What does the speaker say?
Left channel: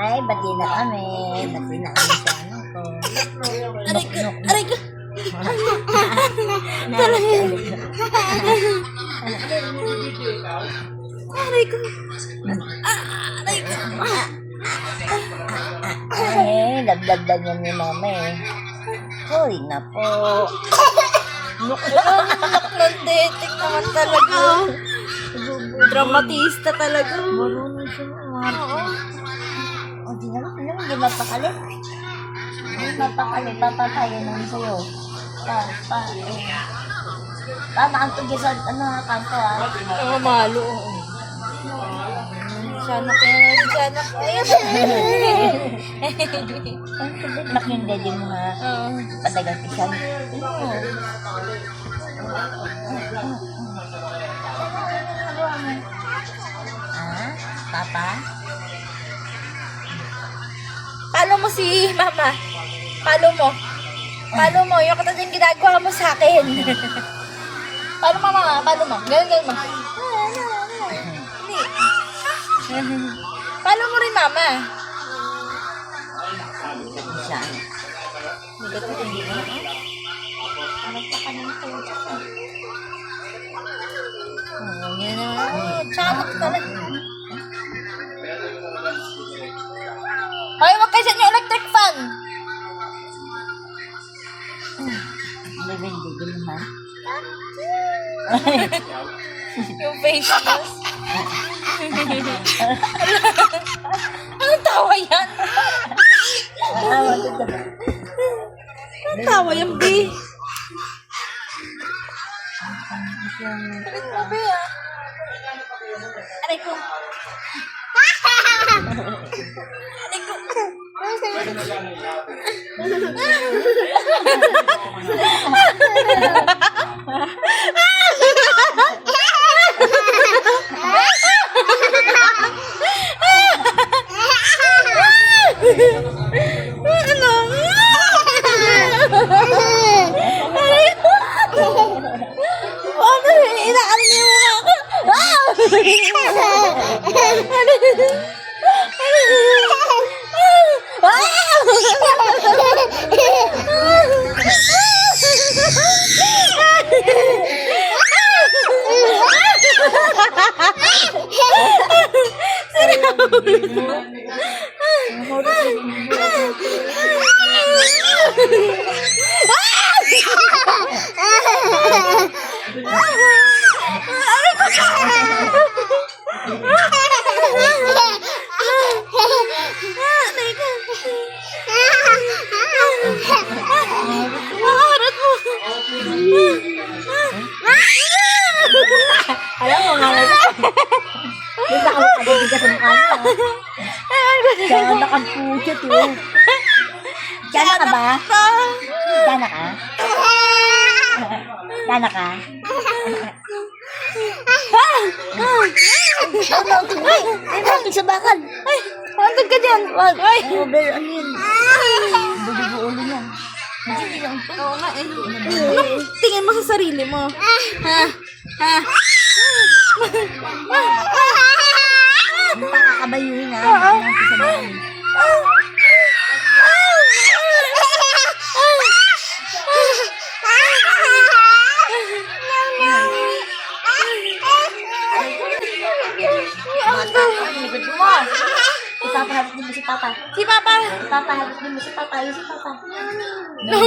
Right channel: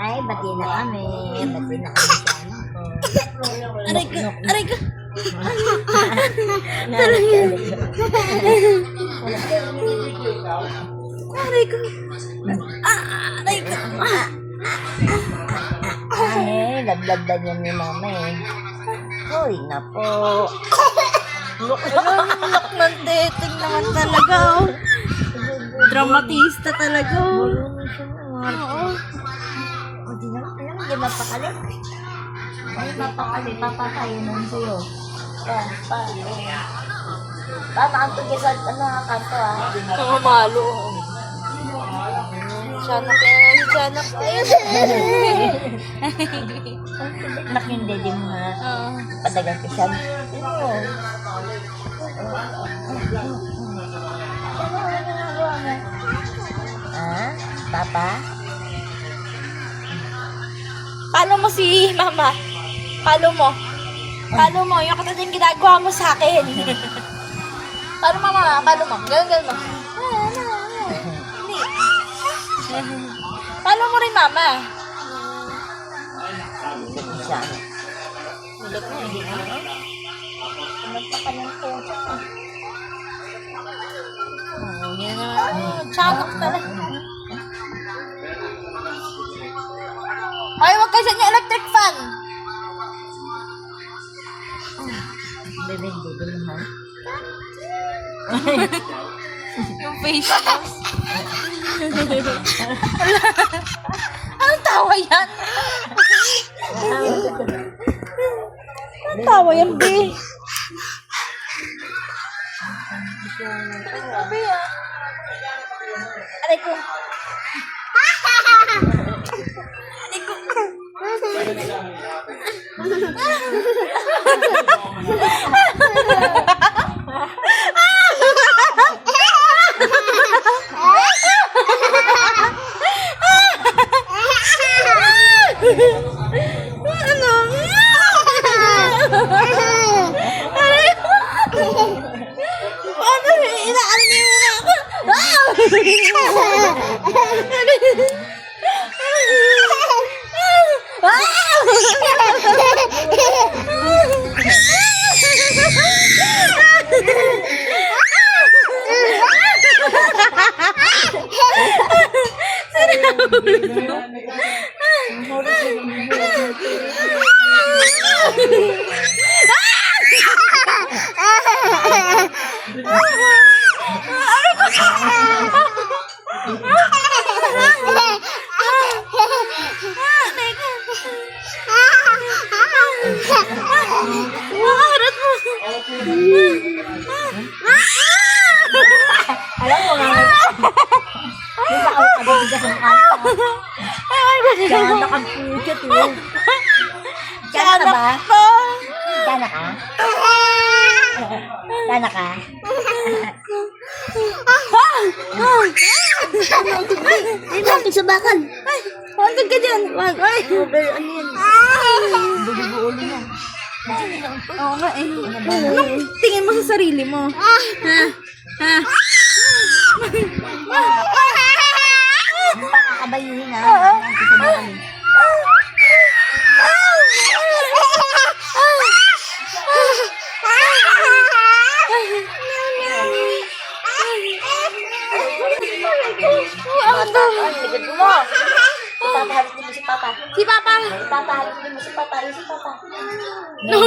Ay, bati na kami. Bati na kami sa ano ko. Aray ko, aray ko. Aray ko. Aray ko. Ay, lablabdan yan ni mama eh. Uy, na po. Look ng dating naman talaga. Oh. Dramatista talaga. Oh. Oo. O, di naman, hindi mapakali. Hindi mapakali, papatayin naman sa'yo. Naantog yan sa, kanto Oo, malo. Sana kaya. Nak yung daddy mo ha. Padagang kisyan. Papa? Palo mo si mama. Palo mo. Yung katulad yung ginagawa mo sa akin. Palo mo mama, palo mo. Ganun mo. Palo mo rin mama. Kisyan. Nilot mo hindi mo. Nagpaka ng tuto. Yan naman. Tsamok talaga. Hoy, wag kayo sa inyo electric fan. Bebe, hindi mo ha. Yung face mask. Anong tawa yan? Anong tawa yan, B? Sakit mo, B, ah. Aray ko. Aray ko. Ano? Ano? Inaano niyo muna ako? Makaharap mo. Alam mo nga. Hindi ba ako pagbigas ng kanta? Diyan nakagpuchot eh. Diyan ka ba? Diyan ka? Diyan ka? Ay, natin sa bakal. Ay, wantag ka dyan. Ay, Over, ano yun? Bubuo niya. oo nga eh. Anong tingin mo sa sarili mo? Ha? Ha? Pakakabayuhin ha. Oo. Natin sa bakal eh. Ang likod mo. Ipapahalot din mo si Papa. Si Papa. Ipapahalot din mo si Papa. Yung si Papa. No.